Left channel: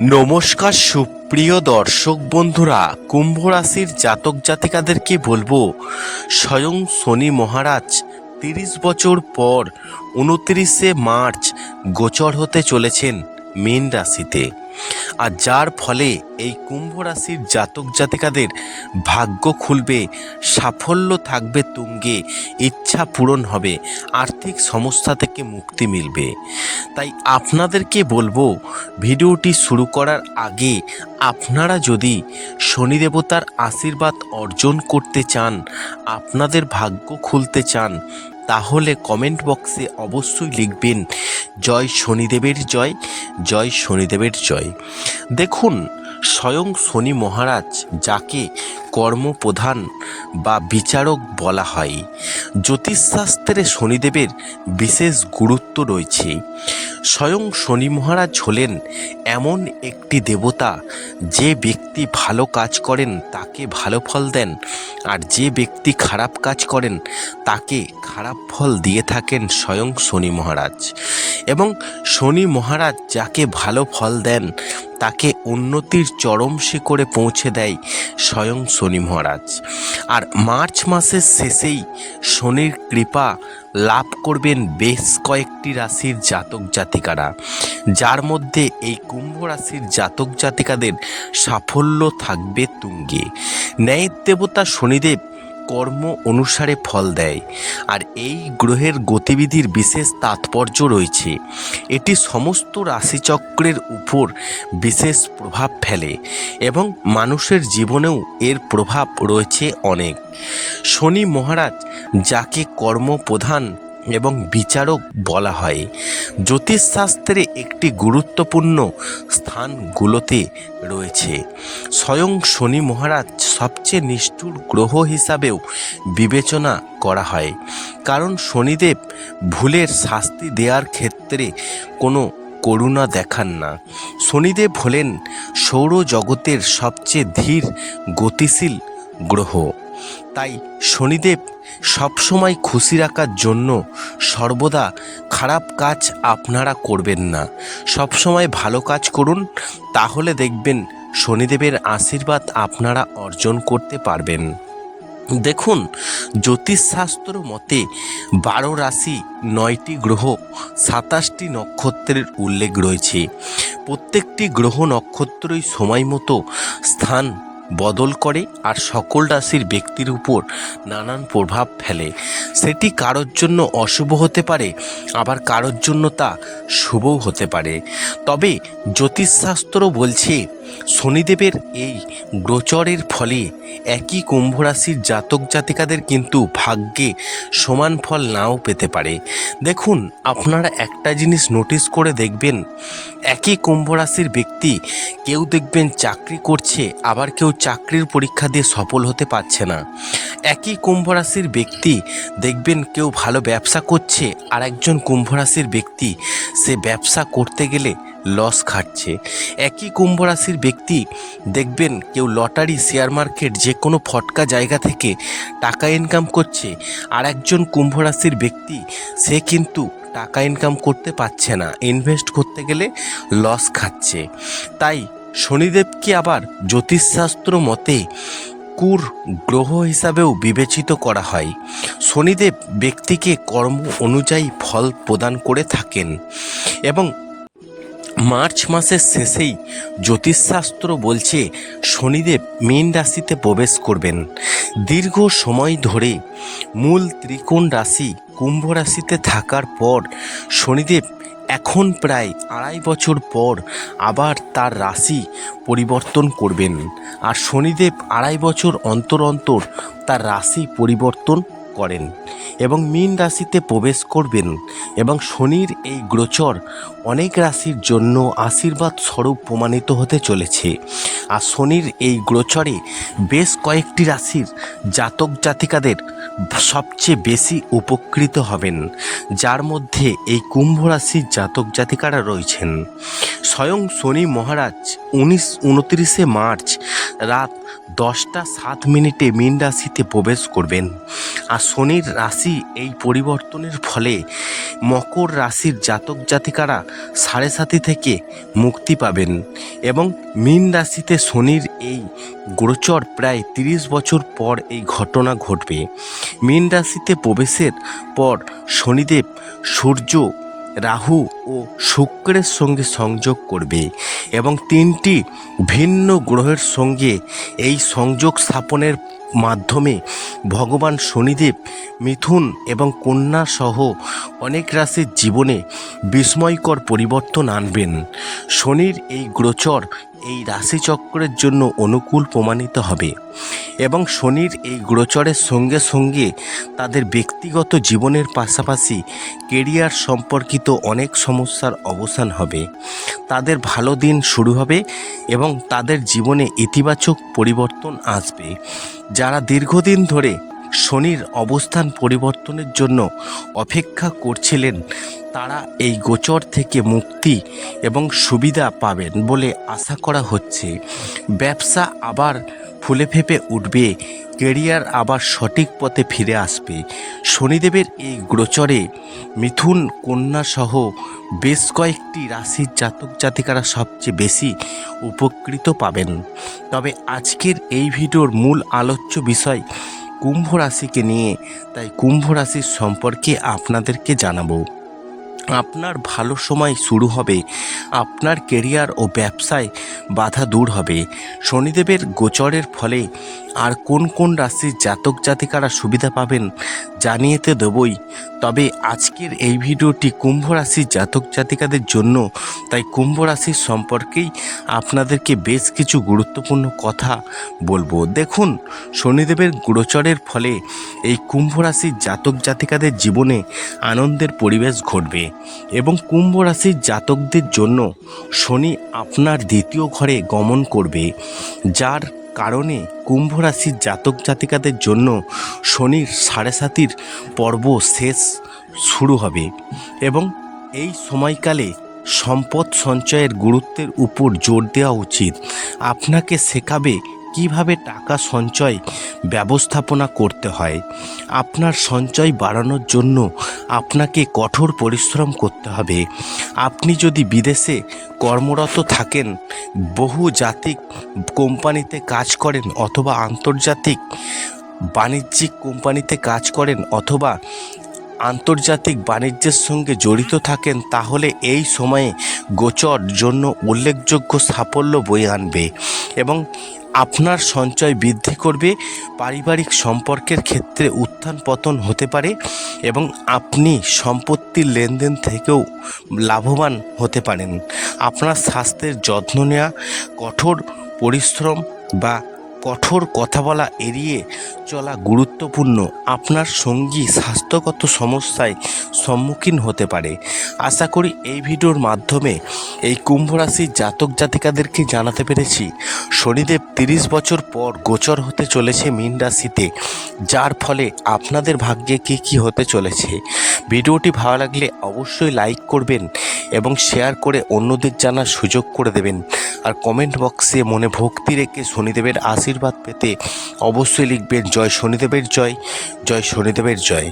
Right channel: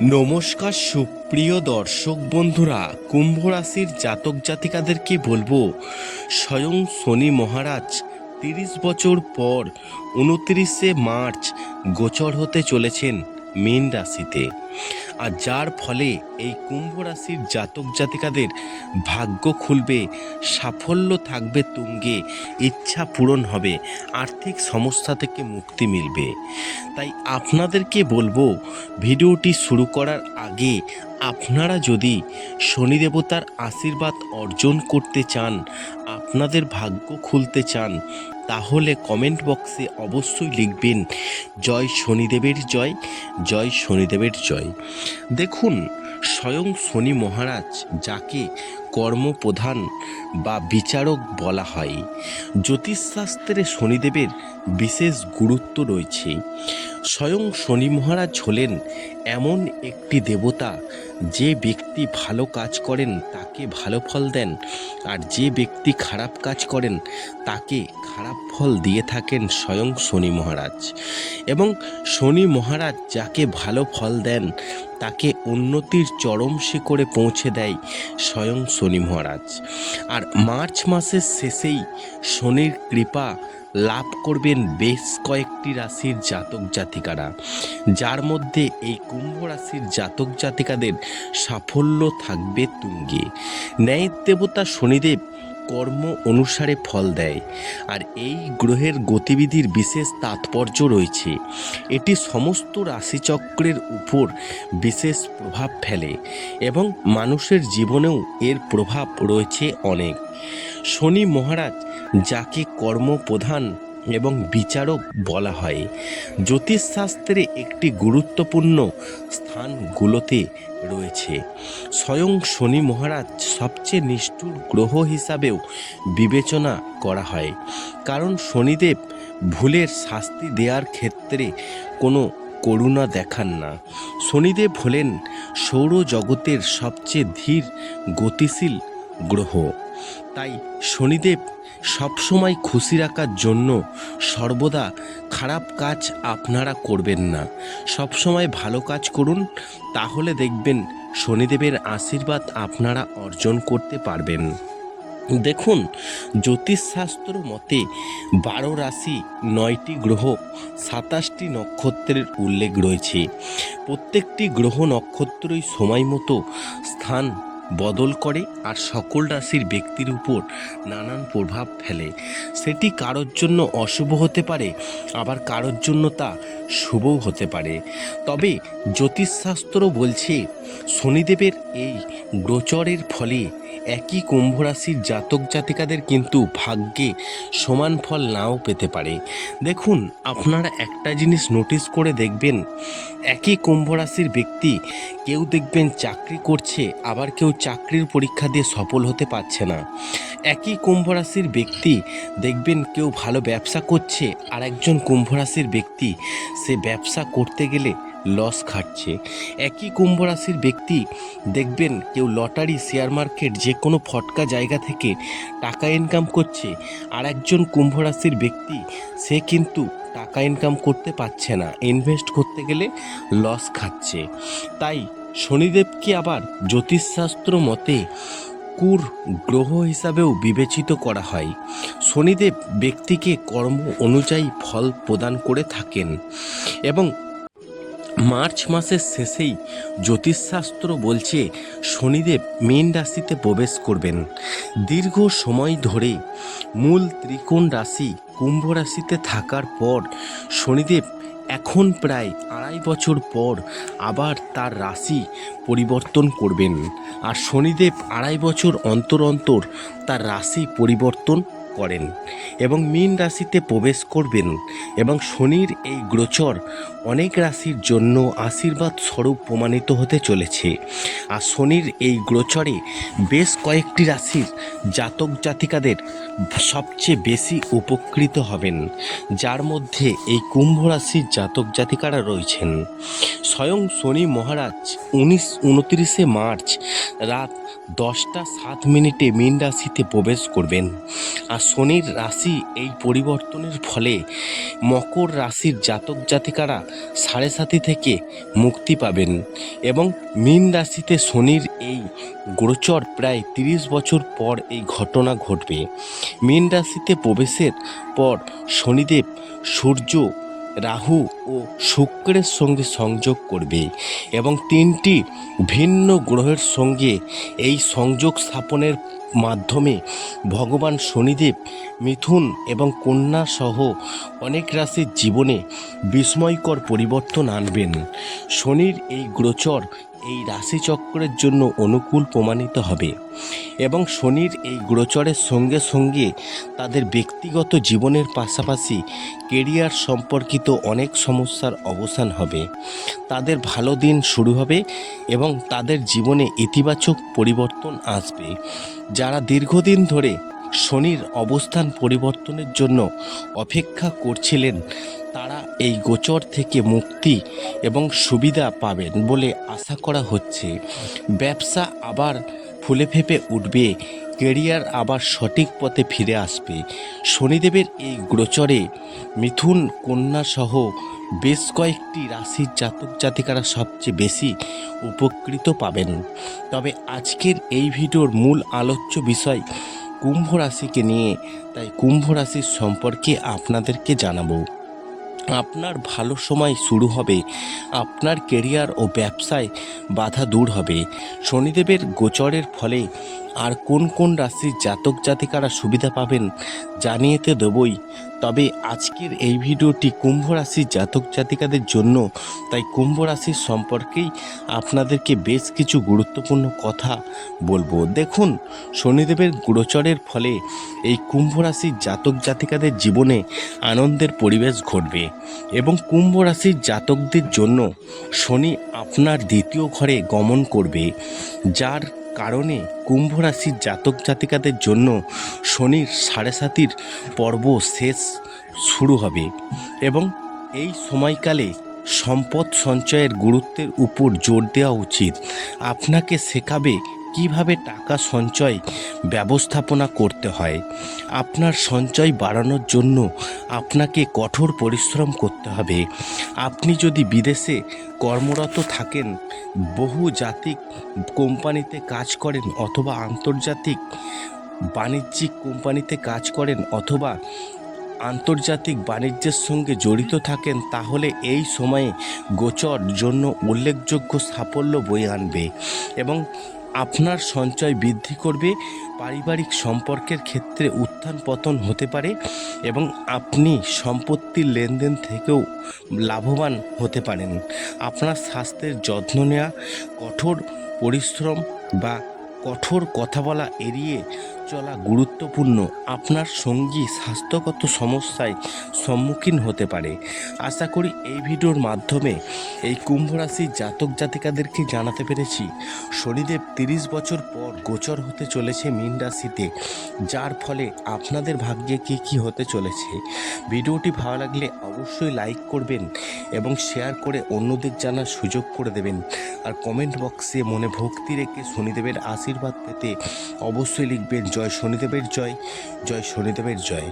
নমস্কার, সুপ্রিয় দর্শক বন্ধুরা, কুম্ভ রাশির জাতক জাতিকাদেরকে বলব, স্বয়ং শনি মহারাজ তিরিশ বছর পর, উনত্রিশে মার্চ, গোচর হতে চলেছেন। মীন রাশিতে। আর যার ফলে এই কুম্ভ রাশির জাতক জাতিকাদের ভাগ্য খুলবে, সাফল্য থাকবে তুঙ্গে, ইচ্ছা পূরণ হবে, আর্থিক সমস্যা থেকে মুক্তি মিলবে। তাই আপনাদেরকে বলব, ভিডিওটি শুরু করার আগে আপনারা যদি শনি দেবতার আশীর্বাদ অর্জন করতে চান, আপনাদের ভাগ্য খুলতে চান তাহলে কমেন্ট বক্সে অবশ্যই লিখবেন, জয় শনিদেবের জয় জয় শনিদেবের জয়। দেখুন, স্বয়ং শনি মহারাজ যাকে কর্মপ্রধান বা বিচারক বলা হয়। জ্যোতিষশাস্ত্রে শনিদেবের বিশেষ গুরুত্ব রয়েছে। স্বয়ং শনি মহারাজ হলেন এমন একটি দেবতা, যে ব্যক্তি ভালো কাজ করেন তাকে ভালো ফল দেন, আর যে ব্যক্তি খারাপ কাজ করেন তাকে খারাপ ফল দিয়ে থাকেন স্বয়ং শনি মহারাজ। এবং শনি মহারাজ যাকে ভালো ফল দেন, তাকে উন্নতির চরম শিখরে পৌঁছে দেয় স্বয়ং শনি মহারাজ। আর মার্চ মাসের শেষেই শনির কৃপা লাভ করবেন বেশ কয়েকটি রাশির জাতক জাতিকারা, যার মধ্যে এই কুম্ভ রাশির জাতক জাতিকাদের সাফল্য থাকবে তুঙ্গে। ন্যায়ের দেবতা শনিদেব কর্ম অনুসারে ফল দেয়, আর এই গ্রহের গতিবিধির বিশেষ তাৎপর্য রয়েছে। এটি সমস্ত রাশিচক্রের উপর বিশেষ প্রভাব ফেলে এবং মানুষের জীবনেও এর প্রভাব রয়েছে অনেক। শনি মহারাজ, যাকে কর্মপ্রধান এবং বিচারক বলা হয়, জ্যোতিষশাস্ত্রে একটি গুরুত্বপূর্ণ স্থানগুলোতে রয়েছে। স্বয়ং শনি মহারাজ সবচেয়ে নিষ্ঠুর গ্রহ হিসাবেও বিবেচনা করা হয়, কারণ শনিদেব ভুলের শাস্তি দেওয়ার ক্ষেত্রে কোনো করুণা দেখান না। শনিদেব হলেন সৌরজগতের সবচেয়ে ধীর, গতিশীল গ্রহ। তাই শনিদেব সবসময় খুশি রাখার জন্য সর্বদা খারাপ কাজ আপনারা করবেন না। সবসময় ভালো কাজ করুন, তাহলে দেখবেন শনিদেবের আশীর্বাদ আপনারা অর্জন করতে পারবেন। দেখুন, জ্যোতিষশাস্ত্র মতে বারো রাশি নয়টি গ্রহ, সাতাশটি নক্ষত্রের উল্লেখ রয়েছে। প্রত্যেকটি গ্রহ নক্ষত্রই সময় মতো স্থান বদল করে আর সকল রাশির ব্যক্তির উপর নানান প্রভাব ফেলে। সেটি কারোর জন্য অশুভ হতে পারে, আবার কারোর জন্য তা শুভও হতে পারে। তবে জ্যোতিষশাস্ত্র বলছে, শনিদেবের এই গোচরের ফলে একই কুম্ভ রাশির জাতক জাতিকাদের কিন্তু ভাগ্যে সমান ফল নাও পেতে পারে। দেখুন, আপনারা একটা জিনিস নোটিস করে দেখবেন, একই কুম্ভ রাশির ব্যক্তি কেউ দেখবেন চাকরি করছে, আবার কেউ চাকরির পরীক্ষা দিয়ে সফল হতে পারছে না। একই কুম্ভ রাশির ব্যক্তি দেখবেন কেউ ভালো ব্যবসা করছে আর একজন কুম্ভ রাশির ব্যক্তি সে ব্যবসা করতে গেলে লস খাচ্ছে। একই কুম্ভ রাশির ব্যক্তি, দেখবেন কেউ লটারি শেয়ার মার্কেট যে কোনো ফটকা জায়গা থেকে টাকা ইনকাম করছে। আর একজন কুম্ভ রাশির ব্যক্তি, সে কিন্তু টাকা ইনকাম করতে পারছে না। ইনভেস্ট করতে গেলে লস খাচ্ছে। তাই শনিদেবকে আবার জ্যোতিষশাস্ত্র মতে কুর গ্রহ হিসাবেও বিবেচিত করা হয়। শনিদেব ব্যক্তিকে কর্ম অনুযায়ী ফল প্রদান করে থাকেন। এবং মার্চ মাসের শেষেই জ্যোতিষশাস্ত্র বলছে শনিদেব মীন রাশিতে প্রবেশ করবেন। দীর্ঘ সময় ধরে মূল ত্রিকোণ রাশি কুম্ভ রাশিতে থাকার পর শনিদেব এখন প্রায় আড়াই বছর পর আবার তার রাশি পরিবর্তন করবেন। আর শনিদেব আড়াই বছর অন্তর অন্তর তার রাশি পরিবর্তন করেন এবং মীন রাশিতে প্রবেশ করবেন এবং শনির এই গোচর অনেক রাশির জন্য আশীর্বাদ স্বরূপ প্রমাণিত হতে চলেছে। আর শনির এই গোচরে বেশ কয়েকটি রাশির জাতক জাতিকাদের সবচেয়ে বেশি উপকৃত হবেন, যার মধ্যে এই কুম্ভ রাশির জাতক জাতিকারা রয়েছেন। স্বয়ং শনি মহারাজ উনিশ, উনত্রিশে মার্চ রাত দশটা সাত মিনিটে মীন রাশিতে প্রবেশ করবেন। আর শনির রাশি এই পরিবর্তনের ফলে মকর রাশির জাতক জাতিকারা সাড়ে সাতি থেকে মুক্তি পাবেন এবং মীন রাশিতে শনির এই গোচর প্রায় তিরিশ বছর পর এই ঘটনা ঘটবে। মীন রাশিতে প্রবেশের পর শনিদেব সূর্য রাহু ও শুক্রের সঙ্গে সংযোগ করবে এবং তিনটি ভিন্ন গ্রহের সঙ্গে এই সংযোগ স্থাপনের মাধ্যমে ভগবান শনিদেব, মিথুন এবং কন্যা সহ অনেক রাশির জীবনে বিস্ময়কর পরিবর্তন আনবেন। শনির এই গোচর এই রাশিচক্রের জন্য অনুকূল প্রমাণিত হবে। এবং শনির এই গোচরের সঙ্গে সঙ্গে তাদের ব্যক্তিগত জীবনের পাশাপাশি কেরিয়ার সম্পর্কিত অনেক সমস্যার অবসান হবে। তাদের ভালো দিন শুরু হবে এবং তাদের জীবনে ইতিবাচক পরিবর্তন আসবে। যারা দীর্ঘদিন ধরে শনির অবস্থান পরিবর্তনের জন্য অপেক্ষা করছিলেন তারা এই গোচর থেকে মুক্তি এবং সুবিধা পাবেন বলে আশা করা হচ্ছে। ব্যবসা আবার ফুলে ফেপে উঠবে, কেরিয়ার আবার সঠিক পথে ফিরে আসবে। শনিদেবের এই গোচরে মিথুন কন্যা সহ বেশ কয়েকটি রাশির জাতক জাতিকারা সবচেয়ে বেশি উপকৃত পাবেন। তবে আজকের এই ভিডিওর মূল আলোচ্য বিষয় কুম্ভ রাশিকে নিয়ে, তাই কুম্ভ রাশির সম্পর্কে আপনাদেরকে জানাব। আপনার ভালো সময় শুরু হবে। আপনার কেরিয়ার ও ব্যবসায় বাধা দূর হবে। শনিদেবের গোচরের ফলে আর কোন কোন রাশির জাতক জাতিকারা সুবিধা পাবেন জানিয়েতে দেবই। তবে আজকের এই ভিডিওটি কুম্ভ রাশির জাতক জাতিকাদের জন্য, তাই কুম্ভ রাশির সম্পর্কেই আপনাদেরকে বেশ কিছু গুরুত্বপূর্ণ কথা বলব। দেখুন, শনিদেবের গোচরের ফলে এই কুম্ভ রাশির জাতক জাতিকাদের জীবনে আনন্দের পরিবেশ ঘটবে এবং কুম্ভ রাশির জাতকদের জন্য শনি আপনার দ্বিতীয় ঘরে গমন করবে, যার কারণে কুম্ভ রাশির জাতক জাতিকাদের জন্য শনির সাড়ে সাতির পর্ব শেষ শুরু হবে এবং এই সময়কালে সম্পদ সঞ্চয়ের গুরুত্বের উপর জোর দেওয়া উচিত। আপনাকে শেখাবে কীভাবে টাকা সঞ্চয় ব্যবস্থাপনা করতে হয়? আপনার সঞ্চয় বাড়ানোর জন্য আপনাকে কঠোর পরিশ্রম করতে হবে। আপনি যদি বিদেশে কর্মরত থাকেন, বহু জাতিক কোম্পানিতে কাজ করেন অথবা আন্তর্জাতিক বাণিজ্যিক কোম্পানিতে কাজ করেন অথবা আন্তর্জাতিক বাণিজ্যের সঙ্গে জড়িত থাকেন, তাহলে এই সময়ে গোচর জন্য উল্লেখযোগ্য সাফল্য বয়ে আনবে এবং আপনার সঞ্চয় বৃদ্ধি করবে, পারিবারিক সম্পর্কের ক্ষেত্রে উত্থান পতন হতে পারে এবং আপনি সম্পত্তির লেনদেন থেকেও লাভবান হতে পারেন। আপনার স্বাস্থ্যের যত্ন নেওয়া, কঠোর পরিশ্রম বা কঠোর কথা বলা এড়িয়ে চলা গুরুত্বপূর্ণ। আপনার সঙ্গী স্বাস্থ্যগত সমস্যায় সম্মুখীন হতে পারে। আশা করি এই ভিডিওর মাধ্যমে এই কুম্ভ রাশির জাতক জাতিকাদেরকে জানাতে পেরেছি। শনিদেব তিরিশ বছর পর গোচর হতে চলেছে মীন রাশিতে, যার ফলে আপনাদের ভাগ্যে কী কী হতে চলেছে। ভিডিওটি ভালো লাগলে অবশ্যই লাইক করবেন এবং শেয়ার করে অন্যদের জানার সুযোগ করে দেবেন। আর কমেন্ট বক্সে মনে ভক্তি রেখে শনিদেবের আশীর্বাদ পেতে অবশ্যই লিখবেন জয় শনিদেবের জয় জয় শনিদেবের জয়।